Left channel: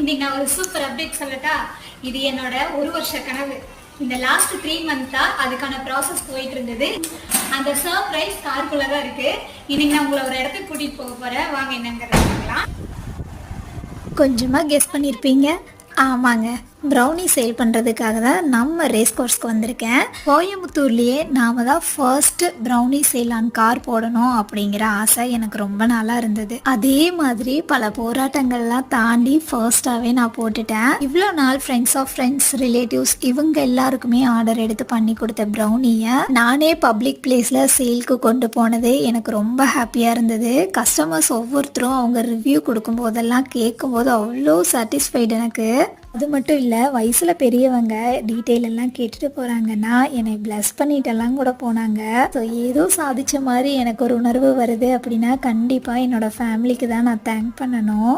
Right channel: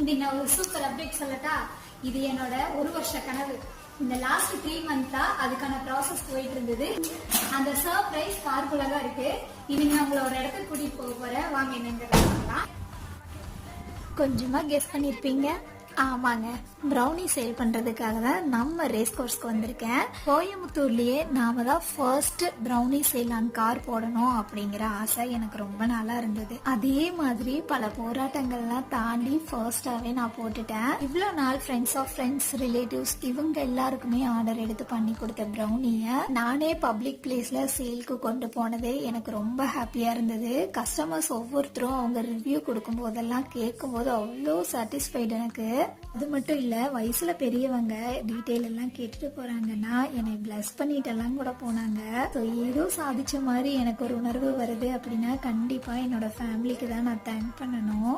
இன்னைக்கு நான் ஒரு சூப்பர் அப்டேட் சொல்லட்டா. இது என்னோட ஒரு வருஷ கனவு. இந்த லாஸ்ட் 3 மந்த்தா அதுக்கான ப்ராசஸ் போயிட்டு இருந்தது. அந்த சர்ப்ரைஸ் காருக்குள்ள தான் இருக்கு. இன்னைக்கு நான் உங்களை ஒரு இடத்துக்கு கூட்டிட்டு போக போறேன். வாங்க என்னங்கிறத பார்க்கலாம். கொஞ்சமாக கெஸ் பண்ணியிருப்பீங்க. ஆமாங்க, ப்ரௌனி சேல் பண்ணுறதுக்காக தான் நம்ம ரேஸ் கோர்ஸ்க்கு வந்திருக்கேன். கோயம்புத்தூர்லேயே நாம தான் first brownie sale on car போடணும் அப்படிங்கிற ஆசை எனக்கு ரொம்ப நாளாக இருந்தது. அதே மாதிரி பல போராட்டங்கள்லாம் தாண்டி ஃபர்ஸ்டாகவே நான் போட்டுட்டேன். இவ்வளோ நாள் ஃப்ரெண்ட்ஸ் ஆஃப் ஃப்ரெண்ட்ஸ், ரிலேட்டிவ்ஸ் இவங்க எல்லாருக்குமே ஆர்டர் எடுத்து பண்ணி கொடுத்த ப்ரௌனியை நானே பப்ளிக் பிளேஸில் சேல்க்கு கொண்டு போனது எனக்கு ரொம்ப ஹாப்பியாக இருந்தது. கஸ்டமர்ஸ் ஒவ்வொருத்தரும் அவங்க ரிவ்யூ கொடுக்கும் போதெல்லாம் கேட்கும்போது அவ்வளோ சாட்டிஸ்ஃபைடு எனக்கு. அது மட்டும் இல்லை, வயசில் பெரியவங்க டீட்டெயில் எல்லாம் கேட்டுட்டு போகிறாங்கன்னா என்னை பிளஸ் பண்ணிட்டெல்லாம் கூட போனாங்க. ஸோ ஏதோ சாதித்த மாதிரி எனக்கு ஒரு உணர்வு வருது அப்படின்னா கண்டிப்பாக என்னோடய ஃபேமிலிக்கு தான் நான் தேங்க் பண்ணணும்.